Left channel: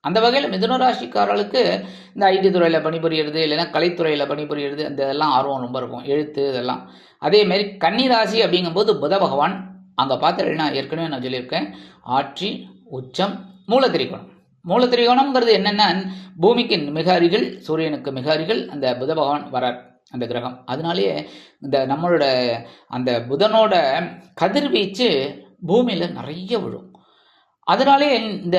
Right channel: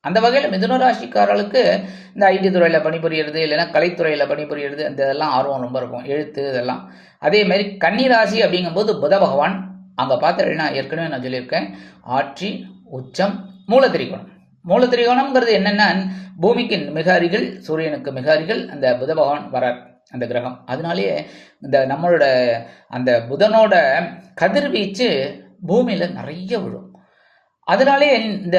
அந்த வகையில் மிதுன ராசிக்காரர்களுக்கு இந்த ஐடி துறையில் பணிபுரியறது இல்லைன்னா கலைத்துறையில் பணிபுரியறது இந்த இதெல்லாம் ஆர்வம் ரொம்ப இருக்கும். எழுத்து இதெல்லாம். அதே மாதிரி அப்படிங்கும்போது புத பகவான். அங்கே பார்த்துட்டீங்கன்னா ஏற்கனவே நான் சொல்லியிருக்கேன். ஆட்சி உச்சம் மூலத்திரிகோணம். மூலத்திரிகோணம்ங்கிறது என்னென்னா பூமிக்கு மிக அருகில் சூரியனுக்கு மிக அருகில் அந்த புத பகவான் வரார் அந்த கிரகம். அதனாலேயே இந்த நம்மளோட அந்த புதனோட கதிர்வீச்சு பூமியில் நிறைய விழும். அதனாலே இந்த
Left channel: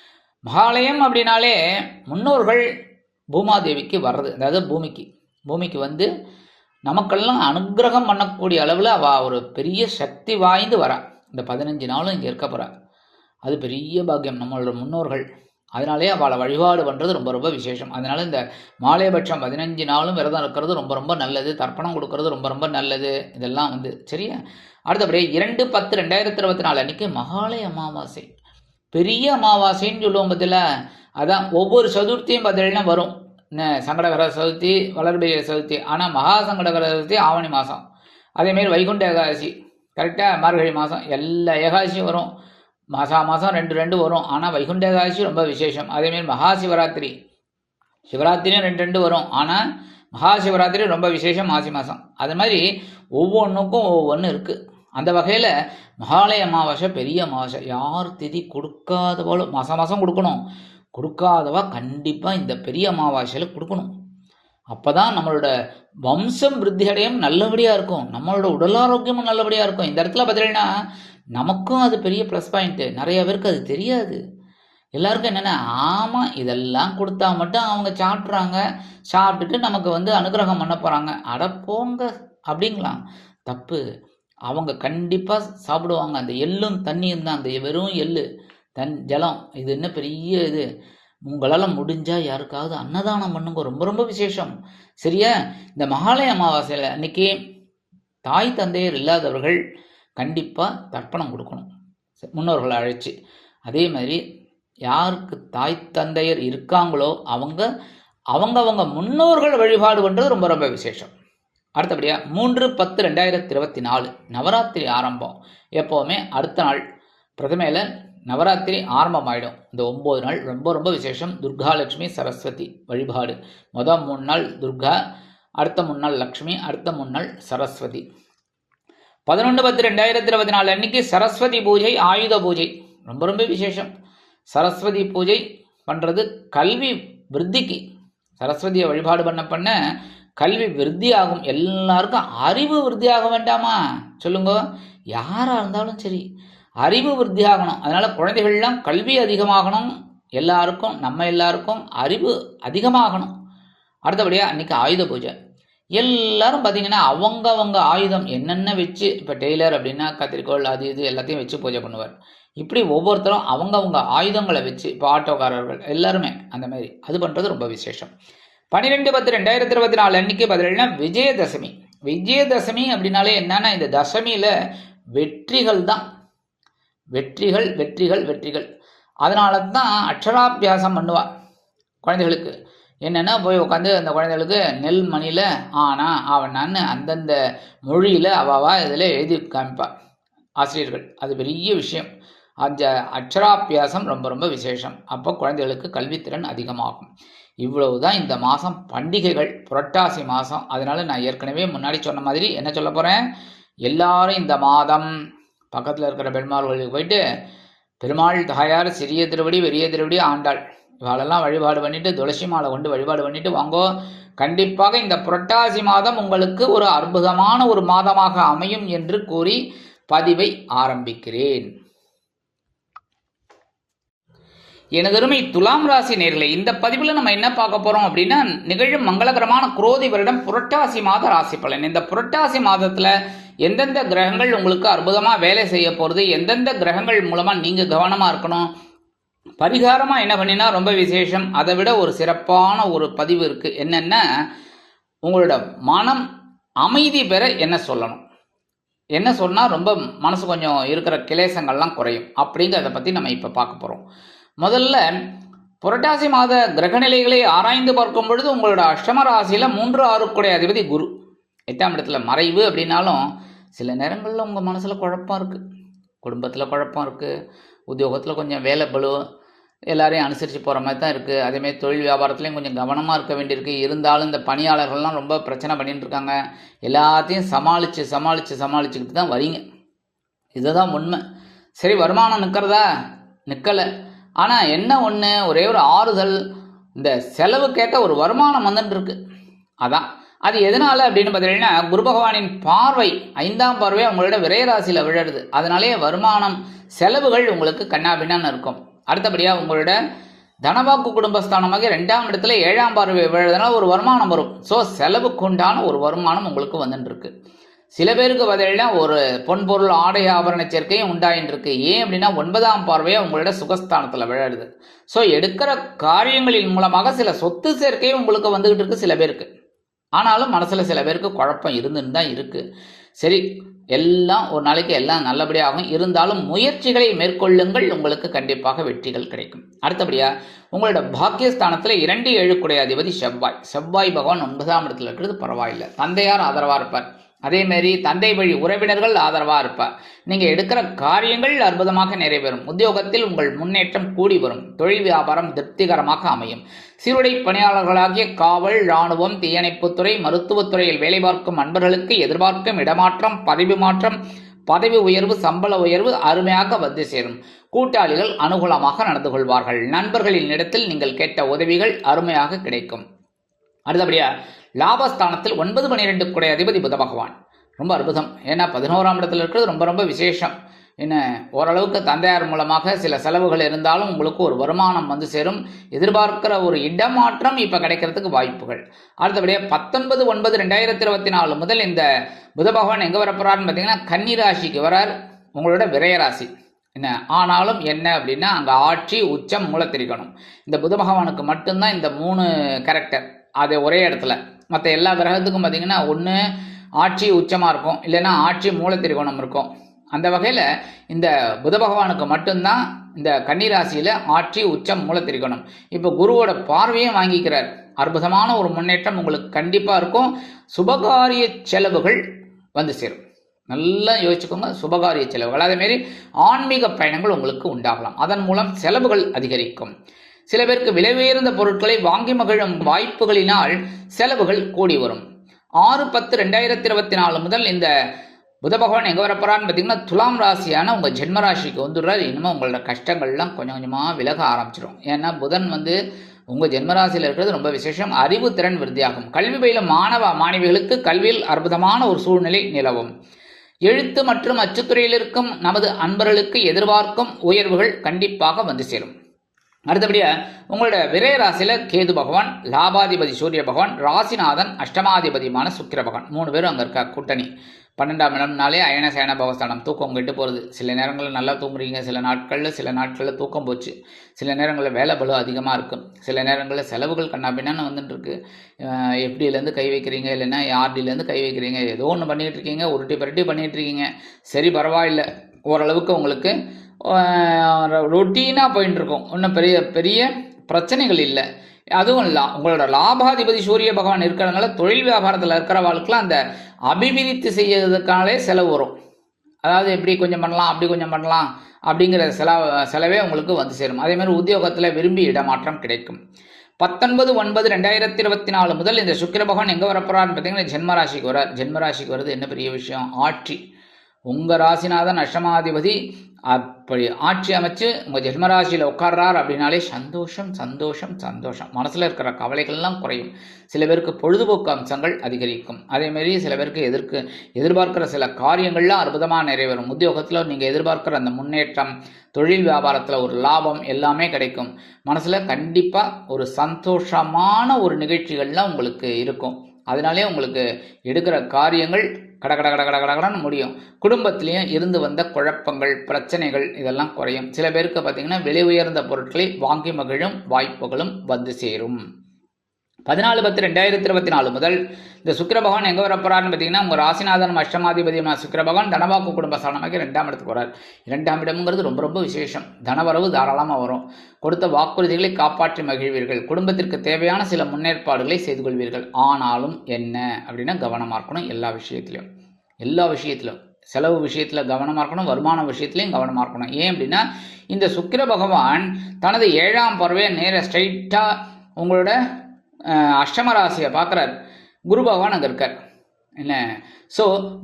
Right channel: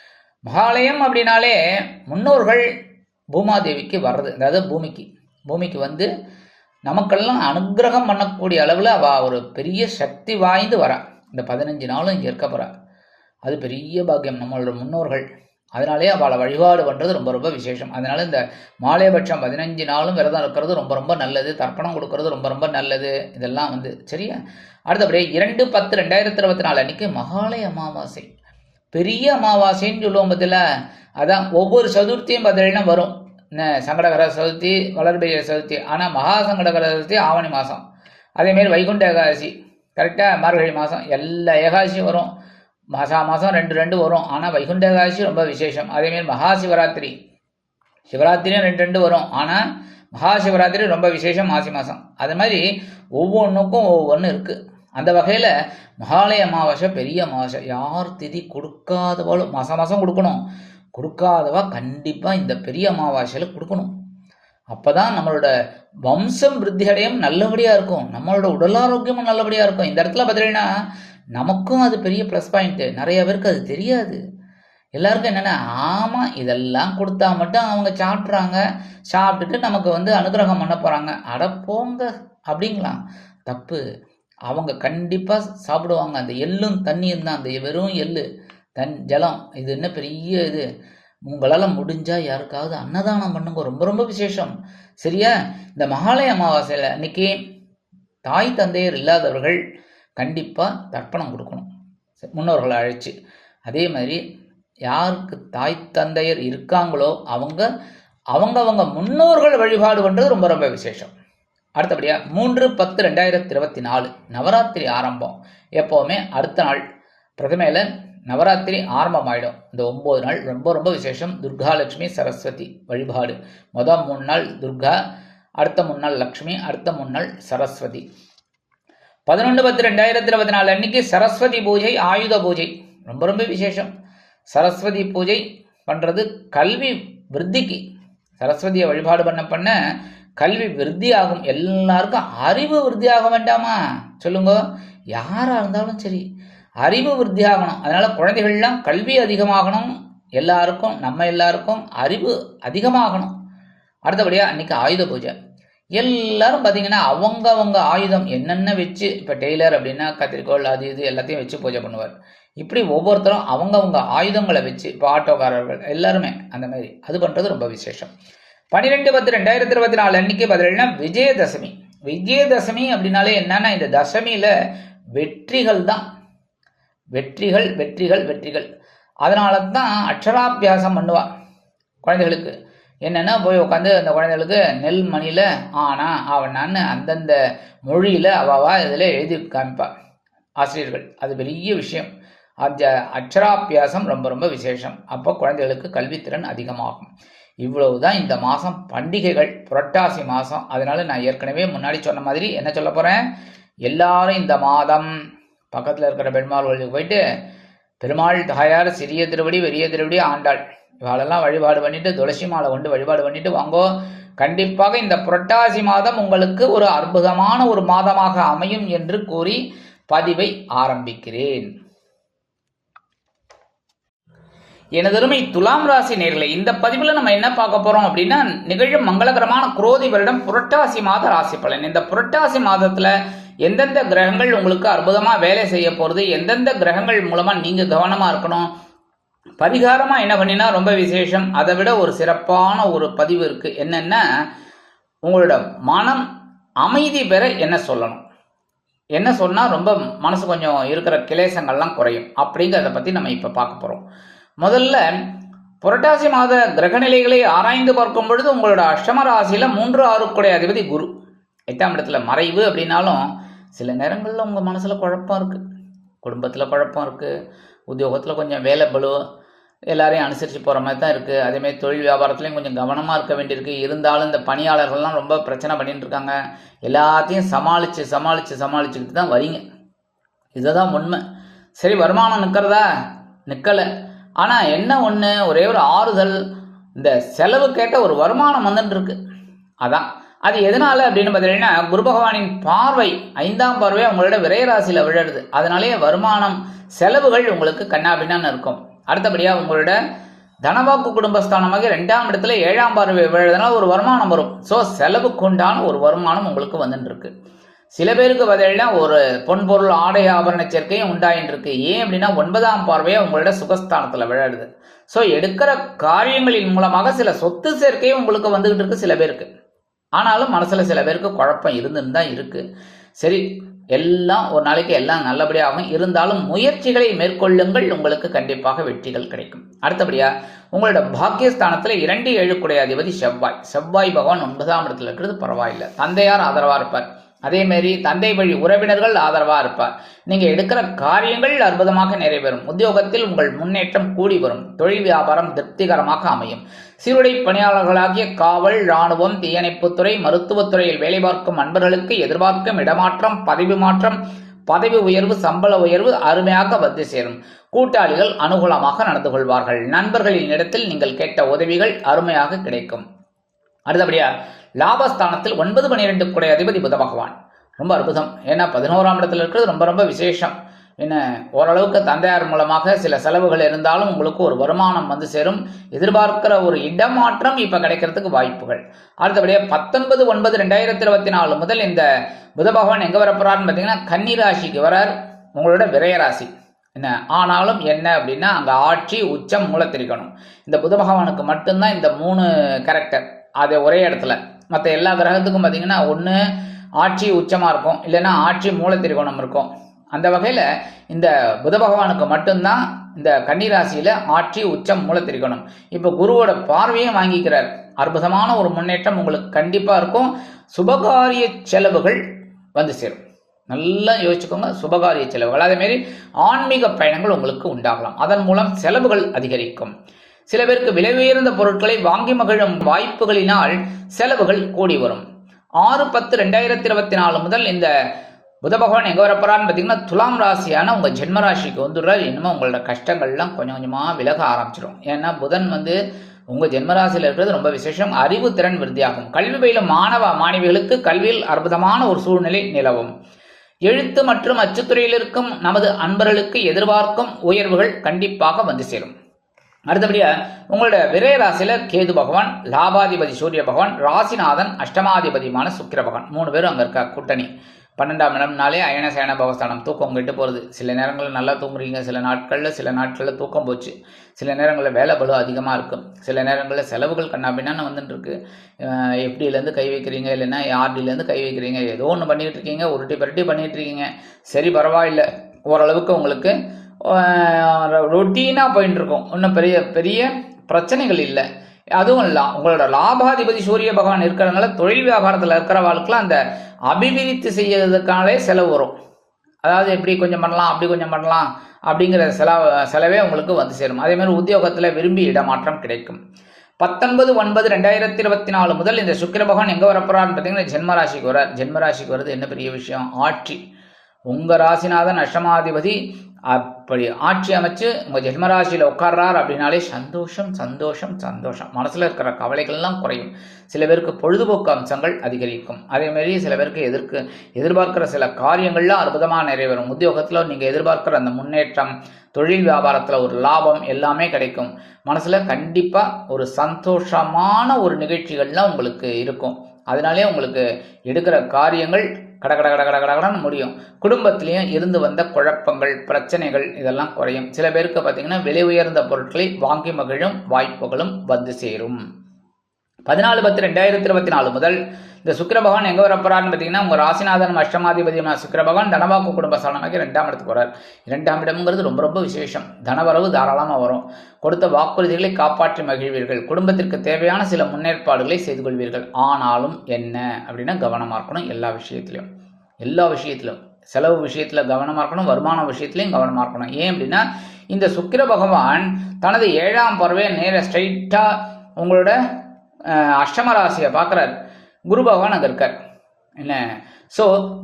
மகாலயம் அப்படின்னாலே முன்னோர்கள் பூமாதேவிக்கு வர்றது அதாவது பூமிக்கு. பூமிக்கு வந்து நமக்கெல்லாம் அனுக்கிரகம் பண்ணக்கூடிய அளவில் அவள் ஒரு பெரிய சக்தி வாய்ந்து வரா. இந்த பதினஞ்சு நாளும் இங்கே இருக்க போகிறா அது பெரிய பாக்கியம் நம்மளோட முன்னோர்கள். அதனாலே அவளை வழிபாடு பண்ணுறது ரொம்ப ரொம்ப விசேஷம். அதனால இந்த மாலையபட்சம் பதினஞ்சு நாளும் விரதம் இருக்கிறது ரொம்ப ரொம்ப நல்லது. தர்ப்பணம் கொடுக்கறது ரொம்ப ரொம்ப நல்லது. இதெல்லாம் வந்து சரியா? அடுத்தபடியே இரண்டு பத்து ரெண்டாயிரத்தி இருபத்தி நாலு அன்னைக்கு மகாலய அமாவாசை. பெரிய அமாவாசைன்னு சொல்லுவோம் பதில் அதான் ஒவ்வொரு சதுர்த்தியும் பார்த்தீங்கன்னா வரும். என்ன? சங்கடகர சதுர்த்தி வளர்பிரிய சதுர்த்தி. ஆனால் மகா சங்கடகர சதுர்த்தி ஆவணி மாதம் அதேமாரி வைகுண்ட ஏகாதசி. கரெக்டாக மார்கழி மாதம் எல்லா ஏகாதசியும் வரும். மாசா மாதம் ரெண்டு ரெண்டு வரும். ஆனால் வைகுண்ட ஏகாதசி ரொம்ப விசேஷம். அதேமாரி மகா சிவராத்திரி. சிவராத்திரியும் ரெண்டு ரெண்டு வரும். ஆனால் மகா சிவராத்திரி ரொம்ப விசேஷம் மாசி மாதம் அது மாதிரி ஒவ்வொன்றுக்கும் ஒவ்வொன்று இருக்குது அந்த வகையில் மகாலய அமாவாசை பெரிய அமாவாசை யார் திதி கொடுக்காதவாலும் மாதம் மாதம் கொடுக்கணும். கொடுக்காதவா கண்டிப்பாக இந்த பெரிய அமாவாசையில் கொடுக்கணும். அப்போ தான் நம்மளோட வம்சம் விருத்தி அடையும் நல்லபடியாக இருக்கும். நம்மளோட உடல் ஆரோக்கியமும் நல்லபடியாக இருக்கும். இந்த இடத்துல பார்த்தீங்கன்னா நமக்கும் அது பெரிய ப்ளஸ் பாயிண்ட்டு நிறைய பேருக்கு அது தெரியாது. எல்லாருக்கும் என்னென்னா ஆமாம் இதெல்லாம் கொடுத்தா மட்டும் அவங்க சாப்பிட்றாங்க. சாப்பிட்டுட்டு நமக்கு வந்து அனுகிரகம் பண்ண போகிறாங்க அட போங்க அப்படிங்களா தப்பு. அவங்க கண்டிப்பாக சாப்பிடுவாங்க. அந்த எள்ளும் தண்ணியும் தான். அந்த வெறும் எள்ளு தன் ஜலம் இது என்ன பெரிய இது? உங்களால் முடிஞ்சால் யாருக்காவது அன்னதானம் பண்ணுங்க. ரொம்ப ரொம்ப விசேஷம். சரியா? இந்த மகாலய அமாவாசையில் அன்னைக்கு தாய் தந்தையர் இல்லாதவர்கள் கண்டிப்பாக தர்ப்பணம் கொடுக்கணும். முன்னோர்களை அழைச்சி. அதே மாதிரி யாருக்கு தாய் தந்தையர் இருக்காங்களோ அவங்க அவங்க அவங்க முன்னோர்கள் வழிபாடு பண்ணுறது ரொம்ப ரொம்ப விசேஷம். அடுத்தபடியாக மூன்று பத்து ரெண்டாயிரத்தி இருபத்தி நாலு நவராத்திரி ஆரம்பம். எப்போவுமே அடுத்த நாள் பிரதமையில் நவராத்திரி ஆரம்பமாயிடும். இந்த ஒம்பது நாள் ரொம்ப ரொம்ப விசேஷம். துர்காலட்சுமி சரஸ்வதி வழிபாடு. மொதல் மூணு நாள் துர்கா அடுத்த மூணு நாள் லக்ஷ்மி அடுத்த மூணு நாள் சரஸ்வதி. பதினொன்று பத்து ரெண்டாயிரத்தி இருபத்தி நாலு அன்னைக்கு சரஸ்வதி பூஜை ஆயுத பூஜை. ரொம்ப ரொம்ப விசேஷம். சரஸ்வதி பூஜை பண்ணுறது கல்வி விருத்திக்கு. சரஸ்வதியை வழிபாடு பண்ண பண்ண கல்வி விருத்தி ஆகும் எல்லாருக்கும் அறிவு விருத்தி ஆக வேண்டாமா? சொல்லுங்க. யாராக இருந்தாலும் சரி அறிவு விருத்தி ஆகணும் அதனால் குழந்தைகள்லாம் கல்வி அதிகமாகணும். எல்லாருக்கும் நம்ம எல்லாருக்கும் அறிவு அதிகமாகணும். அடுத்தபடியாக அன்றைக்கி ஆயுத பூஜை. எல்லாரும் பார்த்தீங்கன்னா அவங்கவங்க ஆயுதம் என்னென்ன வச்சு இப்போ டெய்லர் அப்படின்னா கத்திரிக்கோள் அது இது எல்லாத்தையும் வச்சு பூஜை பண்ணுவார். இப்படி ஒவ்வொருத்தரும் அவங்கவுங்க ஆயுதங்களை வச்சு இப்போ ஆட்டோக்காரர்கள் எல்லாருமே அந்த மாதிரி அது பண்ணுறது ரொம்ப விசேஷம். பன்னிரெண்டு பத்து ரெண்டாயிரத்தி இருபத்தி நாலு அன்னைக்கு பார்த்தீங்கன்னா விஜயதசமி. விஜயதசமி அப்படின்னாலே என்னன்னா இந்த தசமியில் வெற்றிகள் தான் வெற்றிகள் வெற்றிகள் வெற்றிகள். அதனால தான் அக்ஷராபியாசம் பண்ணுவா குழந்தைகளுக்கு. என்னென்னா போய் உட்காந்து அந்த குழந்தைகளுக்கு நெல் மணியில் ஆனா ஆவணான்னு அந்தந்த மொழியில் அவாவா இதில் எழுதி காமிப்பா. ஆசிரியர்கள். அது பெரிய விஷயம். அந்த அக்ஷராபியாசம் ரொம்ப ரொம்ப விசேஷம். அப்போ குழந்தைகளுக்கு கல்வித்திறன் அதிகமாகும். இவ்வளவு தான் இந்த மாதம் பண்டிகைகள் புரட்டாசி மாதம் அதனால் நான் ஏற்கனவே முன்னாடி சொன்ன மாதிரி என்ன சொல்ல போகிறேன் எல்லாரும் இந்த மாதம் பக்கத்தில் இருக்கிற பெருமாள் கோயிலுக்கு போயிட்டு பெருமாள் தாயார் சிறிய திருவடி பெரிய திருவடி ஆண்டாள். இவாளெல்லாம் வழிபாடு பண்ணிட்டு துளசி மாலை கொண்டு வழிபாடு பண்ணிட்டு வாங்கோ கண்டிப்பாக இந்த புரட்டாசி மாதம் உங்களுக்கு ஒரு அற்புதமான ஒரு மாதமாக அமையும் என்று கூறி பதிவை ஆரம்பிக்கிறேன். எனதருமை துலாம் ராசி நேர்களை இந்த பதிவில் நம்ம என்ன பார்க்க போறோம் அப்படின்னா நிகழும் மங்களகரமான குரோதி வருடம் புரட்டாசி மாத ராசி பலன். இந்த புரட்டாசி மாதத்துல எந்தெந்த கிரகங்கள் உங்களுக்கு அற்புதமா வேலை செய்ய போறது எந்தெந்த கிரகங்கள் மூலமா நீங்க கவனமா இருக்கணும் பரிகாரமா என்ன பண்ணினா ரொம்ப விசேஷம் அதை விட ஒரு சிறப்பான ஒரு பதிவு இருக்கு. என்னென்ன உங்களோட மனம் அமைதி பெற என்ன சொல்லணும்? என்ன சொன்னால் ரொம்ப மனசு கொஞ்சம் இருக்கிற கிளேசங்கள்லாம் குறையும். அப்படிங்கிறத பற்றி நம்ம இப்போ பார்க்க போகிறோம் முதல்ல புரட்டாசி மாத கிரகநிலைகளை ஆராய்ந்து பார்க்கும் பொழுது உங்களோட அஷ்டம ராசியில் மூன்று ஆறுக்குடைய அதிபதி குரு. எட்டாம் இடத்துல மறைவு அப்படின்னாலும் சில நேரங்களில் உங்கள் மனசில் குழப்பம் இருக்குது குடும்பத்தில் குழப்பம் இருக்குது உத்தியோகத்தில் கொஞ்சம் வேலை பலு எல்லாரையும் அனுசரித்து போகிற மாதிரி தான் இருக்குது அதேமாதிரி தொழில் வியாபாரத்துலேயும் கொஞ்சம் கவனமாக இருக்க வேண்டியிருக்கு. இருந்தாலும் இந்த பணியாளர்கள்லாம் ரொம்ப பிரச்சனை பண்ணிட்டு இருக்காங்க. எல்லாத்தையும் சமாளித்து சமாளித்து சமாளிச்சுக்கிட்டு தான் வரீங்க. இதுதான் உண்மை. சரி வருமானம் நிற்கிறதா நிற்கலை ஆனால் என்ன ஒன்று ஒரே ஒரு ஆறுதல் இந்த செலவுக்கேற்ற ஒரு வருமானம் வந்துட்டு இருக்கு. அதான். அது எதனால் அப்படின்னு பார்த்தீங்கன்னா குரு பகவானின் பார்வை ஐந்தாம் பார்வை உங்களோட விரைராசியில் விழருது. அதனாலேயே வருமானம் செலவுகள் உங்களுக்கு கண்ணாபின்னான்னு இருக்கும். அடுத்தபடியாக உங்களோட தனவாக்கு குடும்பஸ்தானமாக ரெண்டாம் இடத்துல ஏழாம் பார்வை விழுறதுனால ஒரு வருமானம் வரும். ஸோ செலவுக்குண்டான ஒரு வருமானம் உங்களுக்கு வந்துட்டுருக்கு சில பேருக்கு பதிலாக ஒரு பொன்பொருள் ஆடை ஆபரண சேர்க்கையும் உண்டாயின்றிருக்கு. ஏன் அப்படின்னா ஒன்பதாம் பார்வையை உங்களோட சுகஸ்தானத்தில் விளையாடுது ஸோ எடுக்கிற காரியங்களின் மூலமாக சில சொத்து சேர்க்கையும் உங்களுக்கு வந்துகிட்டு இருக்கு சில பேருக்கு. ஆனாலும் மனசில் சில பேருக்கு குழப்பம் இருந்துன்னு தான் இருக்குது சரி எல்லாம் ஒரு நாளைக்கு எல்லாம் நல்லபடியாகும் இருந்தாலும் முயற்சிகளை மேற்கொள்ளுங்கள் உங்களுக்கு கண்டிப்பாக வெற்றிகள் கிடைக்கும். அடுத்தபடியாக உங்களோட பாக்கியஸ்தானத்தில் இரண்டு ஏழுக்குடைய அதிபதி செவ்வாய். செவ்வாய் பகவான் ஒன்பதாம் இடத்துல இருக்கிறது பரவாயில்லை. தந்தையார் ஆதரவாக இருப்பார். அதேமாரி தந்தை வழி உறவினர்கள் ஆதரவாக இருப்பார் நீங்கள் எடுக்கிற காரியங்கள் அற்புதமாக நிறைவேறும். உத்தியோகத்தில் உங்கள் முன்னேற்றம் கூடி வரும். தொழில் வியாபாரம் திருப்திகரமாக அமையும். சீருடை பணியாளர்களாகிய காவல் இராணுவம் தீயணைப்புத்துறை மருத்துவத்துறையில் வேலை பார்க்கும் அன்பர்களுக்கு எதிர்பார்க்கும் இடமாற்றம் பதவி மாற்றம் பதவி உயர்வு சம்பள உயர்வு அருமையாக வந்து சேரும். கூட்டாளிகள் அனுகூலமாக நடந்து கொள்வார்கள். நண்பர்களின் இடத்தில் நீங்கள் கேட்ட உதவிகள் அருமையாக கிடைக்கும். அடுத்தபடியா லாபஸ்தானத்தில் ஒன்பது பன்னிரெண்டு குடை அதிபதி புத பகவான். ரொம்ப அற்புதம். ஏன்னா பதினோராம் இடத்துல இருக்கிறது ரொம்ப ரொம்ப விசேஷம். என்ன ஓரளவுக்கு தந்தையார் மூலமாக சில செலவுகள் இருந்தாலும் உங்களுக்கு ஒரு வருமானம் வந்து சேரும். எதிர்பார்க்கிற ஒரு இடமாற்றம் இப்போ கிடைக்கிறதுக்கு வாய்ப்புகள். அடுத்தபடியாக பத்தொன்பது ஒன்பது ரெண்டாயிரத்தி இருபத்தி நாலு முதல் இந்த புத பகவான் எங்கே வரப்போறாருன்னு பார்த்தீங்கன்னா கன்னிராசிக்கு வரார். உங்களோட விரயராசி. என்ன ஆனாலும் என்ன அப்படின்னா அங்கே ஆட்சி உச்சம் மூலத்திரிக்கணும். இந்த புத பகவானுக்கு மட்டும்தான் இந்த மூணு கேரக்டர் அது ஒரே இடத்துல. மற்ற எல்லா கிரகத்துக்கும் பார்த்தீங்கன்னா ஒன்று ஆட்சி உச்சமாக இருக்கும் இல்லைன்னா ஆட்சி மூலத்திரிகோணம் இருக்கும். அந்த வகையில் இந்த புத பகவானுக்கு மட்டும்தான் இந்த கன்னிராசியில் ஆட்சி உச்சம் மூலத்திரிகோணம் இப்போ குருவோட பார்வையும் வாங்கிக்கிறார். அற்புதமான ஒரு முன்னேற்றம் உங்களுக்கு கண்டிப்பாக இருக்கும். சுபகாரிய செலவுகள் வந்து சேரும். நல்லா யோசிச்சுக்கோங்க சுபகாரிய செலவுகள். அதேமாரி ஆன்மீக பயணங்கள் உங்களுக்கு உண்டாகலாம். அதன் மூலம் செலவுகள் அதிகரிக்கும். சில பேருக்கு விலை உயர்ந்த பொருட்களை வாங்கி மகிழும் வாய்ப்புகளினால் செலவுகள் கூடி வரும். ஆறு பத்து ரெண்டாயிரத்தி இருபத்தி நாலு முதல் இந்த புத பகவான் எங்கே வரப்போறான்னு பார்த்தீங்கன்னா துலாம் ராசியான உங்கள் ஜென்ம ராசிக்கு வந்துடுறாரு. இனிமேல் உங்களோட கஷ்டங்கள்லாம் கொஞ்சம் கொஞ்சமாக விலக ஆரம்பிச்சிடும் ஏன்னா புதன் வந்து உங்கள் ஜென்மராசியில் இருக்கிறது ரொம்ப விசேஷம். அறிவு திறன் விருத்தியாகும். கல்வி பயிலும் மாணவ மாணவிகளுக்கு கல்வியில் அற்புதமான ஒரு சூழ்நிலை நிலவும். எழுத்து மற்றும் அச்சுத்துறையில் இருக்கும் நமது அன்பர்களுக்கு எதிர்பார்க்கும் உயர்வுகள் கண்டிப்பாக வந்து சேரும். அடுத்தபடியாக உங்களோட விரய ராசியில் கேது பகவான் லாபாதிபதி சூரிய பகவான் ராசிநாதன் அஷ்டமாதிபதியுமான சுக்கிர பகவான். மூணு பேரும் அங்கே இருக்கா? கூட்டணி. பன்னெண்டாம் இடம்னாலே அயன சயன பகஸ்தானம். தூக்கம் கெட்டு போகிறது சில நேரங்களில் நல்லா தூங்குறீங்க. சில நாட்களில் சில நாட்களில் தூக்கம் போச்சு. சில நேரங்களில் வேலை பலு அதிகமாக இருக்கும் சில நேரங்களில் செலவுகள் கண்ணாபின்னான்னு வந்துட்டு இருக்கு அஹ் எப்படியிலேருந்து கை வைக்கிறீங்க? இல்லைன்னா ஆர்டிலேருந்து கை வைக்கிறீங்க? ஏதோ ஒன்று பண்ணிகிட்டு இருக்கீங்க. உருட்டி பரட்டி பண்ணிகிட்டு இருக்கீங்க. சரி பரவாயில்லை. ஓரளவுக்கு உங்களுக்கு ரொட்டீனாக போயின்னு இருக்கும் ஒன்றும் பெரிய பெரிய பிரச்சனைகள் இல்லை. அதுவும் இல்லை உங்களோட லாபாதிபதி சூரிய பகவான் இருக்கிறதுனால தொழில் வியாபாரத்தில் இருக்கிறவாளுக்கெல்லாம் அந்த அபிவிருத்தி செய்யறதுக்கானே செலவு வரும். அதாவது எப்படி கொஞ்சம் பண்ணலாம் அப்படி கொஞ்சம் பண்ணலாம் அப்படிங்கிற செல செலவே உங்களுக்கு வந்து சேரும். அதேமாதிரி உத்தியோகத்தில் விரும்பி இடமாற்றம் கிடைக்கும். பத்தொன்பது ஒன்பது ரெண்டாயிரத்தி இருபத்தி நாலு முதல் இந்த சுக்கிர பகவான் எங்கே வரப்போறான்னு பார்த்தீங்கன்னா ஜென்மராசிக்கு வர ஜென்மராசிக்கு வர்றது என்ன பெரிய விஷயம்? ஆட்சி. உங்கள் ராசிநாதன் அஷ்டமாதிபதி. அப்படி ஆட்சி அமைச்சு உங்கள் ஜென்மராசியில் உட்கார்றார் அப்படின்னாலே சந்தோஷம் சந்தோஷம் சந்தோஷம். மனசில் இருக்கிற கவலைகள்லாம் குறையும். சில பேருக்கு பொழுதுபோக்கு அம்சங்கள் அதிகரிக்கும். அதேமாரி சில பேருக்கு எதிர்க்கு எதிர்பார்க்கிற சில காரியங்கள்லாம் அற்புதமாக நிறைவேறும். உத்தியோகத்தில் நீங்கள் எதிர்பார்க்குற அந்த முன்னேற்றம் தொழில் வியாபாரத்தில் ஒரு லாபம் எல்லாமே கிடைக்கும். மனசில் கண்டிப்பாக ஒரு சந்தோஷமான ஒரு நிகழ்ச்சிகள்லாம் உங்களுக்கு இருக்கும். அதனாலே உங்களுக்கு எடுக்கிற காரியங்கள் கட கட கட கட முடியும். குடும்பத்திலையும் இருந்து வந்த குழப்பங்கள் பிரச்சனைகள் இதெல்லாம் குறையும். சில பேருக்கு பார்த்தீங்கன்னா விலை உயர்ந்த பொருட்களை வாங்கி மகிழும் வாய்ப்புகளும் வந்து சேரும். பதினாலு பத்து ரெண்டாயிரத்தி இருபத்தி நாலு முதல் இந்த சுக்கர பகவான் எங்கே வரப்போறாருன்னு பார்த்தீங்கன்னா உங்கள் ராசிநாதன் அஷ்டமாதிபதியமான சுக்கர பகவான் தனவாக்கு குடும்ப ஸ்தானமாக்கி ரெண்டாம் இடத்துக்கு வரார் இரண்டாம் இடம்ங்கிறது ரொம்ப ரொம்ப விசேஷம். தனவரவு தாராளமாக வரும். கொடுத்த வாக்குறுதிகளை காப்பாற்றி மகிழ்வீர்கள். குடும்பத்திற்கு தேவையான சில முன்னேற்பாடுகளை செய்து கொள்வீர்கள். ஆனாலும் என்ன அப்படின்னா கவனமாக இருக்கணும் எல்லா விஷயத்திலையும் எல்லா விஷயத்திலும். செலவு விஷயத்தில் கவனமாக இருக்கணும் வருமான விஷயத்துலையும் கவனமாக இருக்கணும். ஏன் அப்படின்னா இந்த சுக்கிர பகவான் தனது ஏழாம் பறவை நேர ஸ்ட்ரைட்டாக உங்களோட அஷ்டம ராசியை பார்க்குறாரு. குரு பகவான் அங்கே இருக்கார். என்ன? ஸோ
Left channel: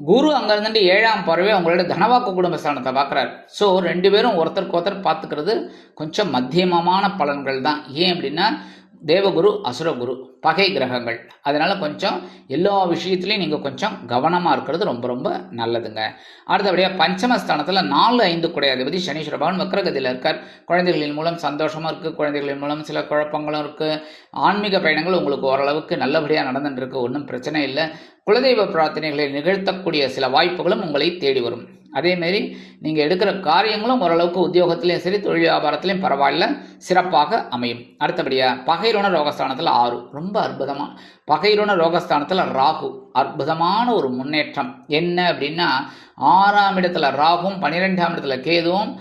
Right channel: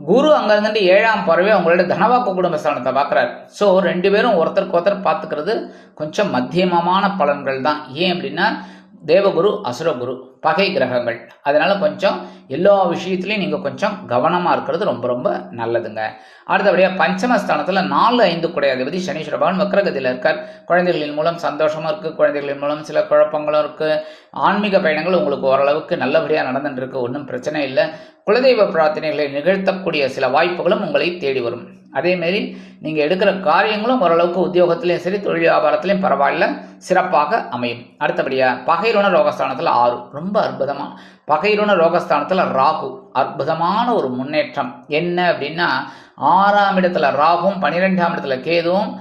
குரு அங்கே ஏழாம் பறவை அவங்களோட தனவாக்கு குடும்பஸ்தானத்தை பார்க்குறாரு. ஸோ ரெண்டு பேரும் ஒருத்தருக்கு ஒருத்தர் பார்த்துக்கிறது கொஞ்சம் மத்தியமமான பலன்கள் தான். ஏன் அப்படின்னா தேவகுரு அசுரகுரு பகை கிரகங்கள். அதனால் கொஞ்சம் எல்லா விஷயத்துலையும் நீங்கள் கொஞ்சம் கவனமாக இருக்கிறது ரொம்ப ரொம்ப நல்லதுங்க. அடுத்தபடியாக பஞ்சமஸ்தானத்தில் நாலு ஐந்து குடையாதிபதி சனீஸ்வர பகவான் வக்ரகதியில் இருக்கார். குழந்தைகளின் மூலம் சந்தோஷமாக இருக்குது குழந்தைகளின் மூலம் சில குழப்பங்களும் இருக்குது ஆன்மீக பயணங்கள் உங்களுக்கு ஓரளவுக்கு நல்லபடியாக நடந்துட்டு இருக்கு. ஒன்றும் பிரச்சனை இல்லை. குலதெய்வ பிரார்த்தனைகளை நிகழ்த்தக்கூடிய சில வாய்ப்புகளும் உங்களை தேடி வரும். அதேமாரி நீங்கள் எடுக்கிற காரியங்களும் ஓரளவுக்கு உத்தியோகத்திலையும் சரி தொழில் வியாபாரத்திலையும் பரவாயில்ல சிறப்பாக அமையும். அடுத்தபடியாக பகைருண ரோகஸ்தானத்தில் ஆறு. ரொம்ப அற்புதமாக பகைருண ரோகஸ்தானத்தில் ராகு. அற்புதமான ஒரு முன்னேற்றம். என்ன அப்படின்னா ஆறாம் இடத்துல ராகும் பன்னிரெண்டாம் இடத்துல கேதுவும்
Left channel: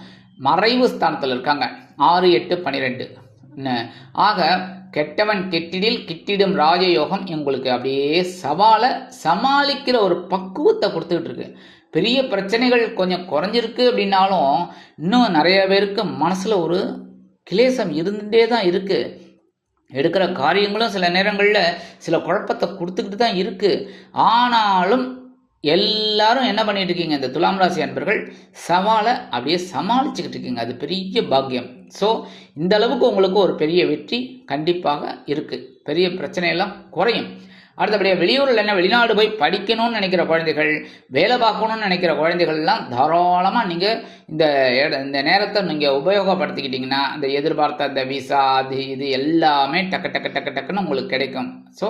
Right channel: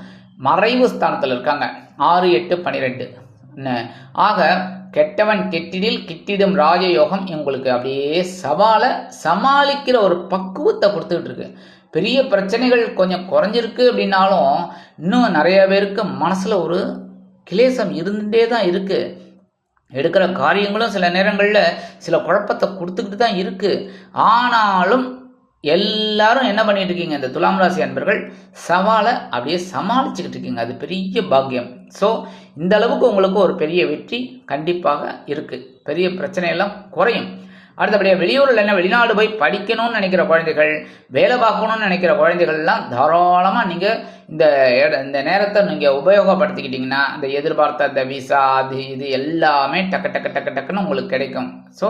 மறைவு ஸ்தானத்தில் இருக்காங்க. ஆறு எட்டு பன்னிரெண்டு ஆக கெட்டவன் கெட்டிடில் கிட்டிடும் ராஜயோகம் உங்களுக்கு அப்படியே சவாலை சமாளிக்கிற ஒரு பக்குவத்தை கொடுத்துக்கிட்டு இருக்கு. பெரிய பிரச்சனைகள் கொஞ்சம் குறைஞ்சிருக்கு அப்படின்னாலும் இன்னும் நிறைய பேருக்கு மனசில் ஒரு கிளேசம் இருந்துகிட்டே தான் இருக்குது எடுக்கிற காரியங்களும் சில நேரங்களில் சில குழப்பத்தை கொடுத்துக்கிட்டு தான் இருக்குது ஆனாலும் எல்லாரும் என்ன பண்ணிட்டு இருக்கீங்க? இந்த துலாம் ராசி அன்பர்கள் சவாலை அப்படியே சமாளிச்சுக்கிட்டு இருக்கீங்க. அது பெரிய பாக்கியம். ஸோ இந்த அளவுக்கு உங்களுக்கு ஒரு பெரிய வெற்றி கண்டிப்பாக இருக்குது பெரிய பிரச்சனையெல்லாம் குறையும். அடுத்தபடியாக வெளியூரில் என்ன வெளிநாடு போய் படிக்கணும்னு நினைக்கிற குழந்தைகள் வேலை பார்க்கணும்னு நினைக்கிற குழந்தைகள்லாம் தாராளமாக நீங்கள் இந்த இந்த நேரத்தை நீங்கள் உபயோகப்படுத்திக்கிட்டிங்கன்னா இந்த எதிர்பார்த்த இந்த விசா அது இது எல்லாமே டக்கு டக்கு டக்கு டக்குன்னு உங்களுக்கு கிடைக்கும். ஸோ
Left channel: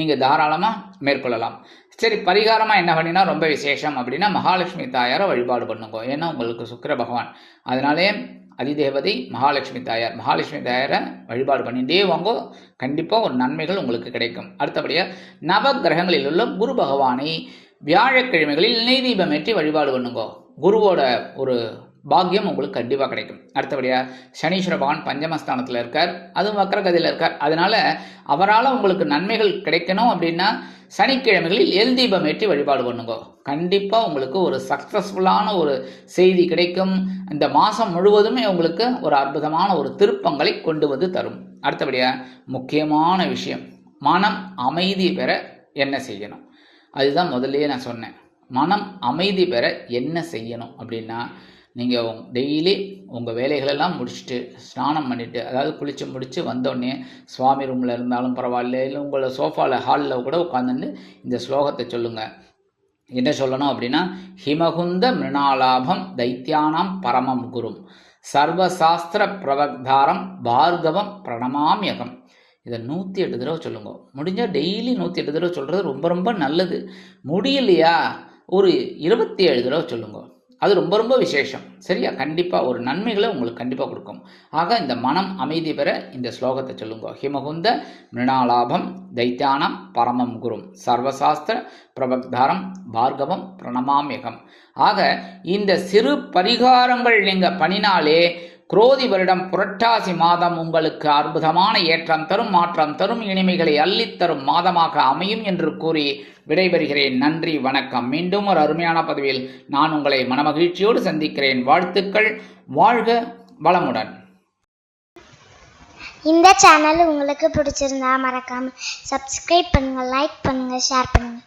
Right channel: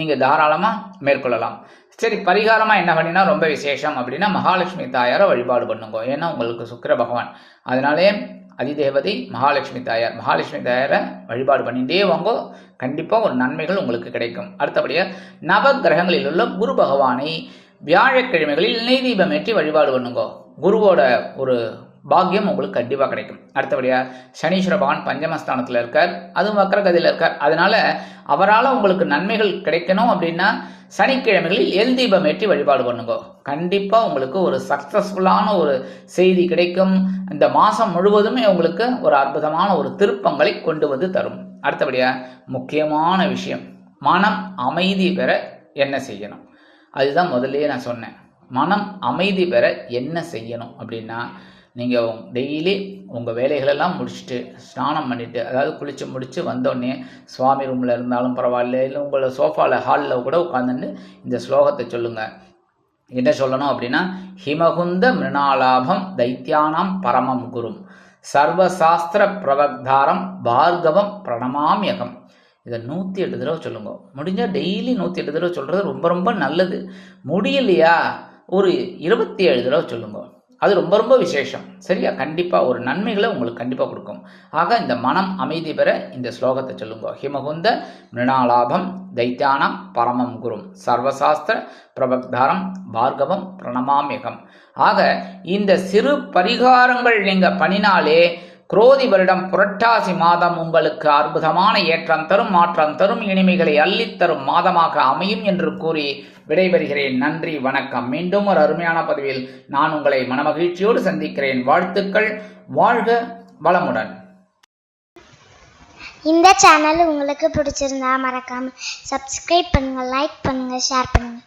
நீங்கள் தாராளமாக மேற்கொள்ளலாம். சரி பரிகாரமாக என்ன பண்ணினா ரொம்ப விசேஷம் அப்படின்னா மகாலட்சுமி தாயாரை வழிபாடு பண்ணுங்க. ஏன்னா உங்களுக்கு சுக்கர பகவான். அதனாலே அதிதேவதை மகாலட்சுமி தாயார். மகாலட்சுமி தாயாரை வழிபாடு பண்ணிகிட்டே வாங்கோ. கண்டிப்பாக ஒரு நன்மைகள் உங்களுக்கு கிடைக்கும். அடுத்தபடியாக நவ கிரகங்களில் உள்ள குரு பகவானை வியாழக்கிழமைகளில் நெய் தீபம் ஏற்றி வழிபாடு பண்ணுங்கோ. குருவோட ஒரு பாக்கியம் உங்களுக்கு கண்டிப்பாக கிடைக்கும். அடுத்தபடியாக சனீஸ்வர பகவான் பஞ்சமஸ்தானத்தில் இருக்கார். அதுவும் வக்கரகதியில் இருக்கார். அதனால் அவரால் உங்களுக்கு நன்மைகள் கிடைக்கணும் அப்படின்னா சனிக்கிழமைகளில் எல் தீபம் ஏற்றி வழிபாடு பண்ணுங்க. கண்டிப்பாக உங்களுக்கு ஒரு சக்ஸஸ்ஃபுல்லான ஒரு செய்தி கிடைக்கும். இந்த மாதம் முழுவதுமே உங்களுக்கு ஒரு அற்புதமான ஒரு திருப்பங்களை கொண்டு வந்து தரும். அடுத்தபடியாக முக்கியமான விஷயம் மனம் அமைதி பெற என்ன செய்யணும்? அதுதான் முதல்லயே நான் சொன்னேன். மனம் அமைதி பெற என்ன செய்யணும் அப்படின்னா நீங்கள் டெய்லி உங்கள் வேலைகளெல்லாம் முடிச்சுட்டு ஸ்நானம் பண்ணிவிட்டு அதாவது குளித்து முடித்து வந்தோடனே சுவாமி ரூமில் இருந்தாலும் பரவாயில்ல இல்லை உங்களை சோஃபாவில் ஹாலில் கூட உட்காந்துட்டு இந்த ஸ்லோகத்தை சொல்லுங்கள் என்ன சொல்லணும் அப்படின்னா ஹிமகுந்த மிருணாலாபம் தைத்தியானாம் பரமம் குரும். சர்வசாஸ்திர பிரபக்தாரம் பார்கவம் பிரணமாமியகம் இதை நூற்றி எட்டு தடவை சொல்லுங்க. முடிஞ்சால் டெய்லி நூற்றி எட்டு தடவை சொல்கிறது ரொம்ப ரொம்ப நல்லது. முடியலையா? ஒரு இருபத்தி ஏழு தடவை சொல்லுங்க. அது ரொம்ப ரொம்ப விசேஷம். சரியா? கண்டிப்பாக ஒரு நன்மைகளை உங்களுக்கு கண்டிப்பாக கொடுக்கும். ஆக இந்த மனம் அமைதி பெற இந்த ஸ்லோகத்தை சொல்லுங்க. ஹிமகுந்த மிருணாலாபம் தைத்தியானம் பரமம் குரும். சர்வசாஸ்திர பிரபக்தாரம் பார்கவம் பிரணமாமிகம் ஆக இந்த சிறு பரிகாரங்கள் நீங்கள் பண்ணினாலே குரோதி வருடம் புரட்டாசி மாதம் உங்களுக்கு அற்புதமான ஏற்றம் தரும் மாற்றம் தரும் இனிமைகளை அள்ளித்தரும் மாதமாக அமையும் என்று கூறி விடைபெறுகிறேன். நன்றி வணக்கம். மீண்டும் ஒரு அருமையான பதிவில் நான் உங்களை மனமகிழ்ச்சியோடு சந்திக்கிறேன். வாழ்த்துக்கள். வாழ்க வளமுடன். இந்த சேனல் உங்களுக்கு பிடிச்சிருந்தா மறக்காம சப்ஸ்கிரைப் பண்ணுங்க லைக் பண்ணுங்க ஷேர் பண்ணுங்க.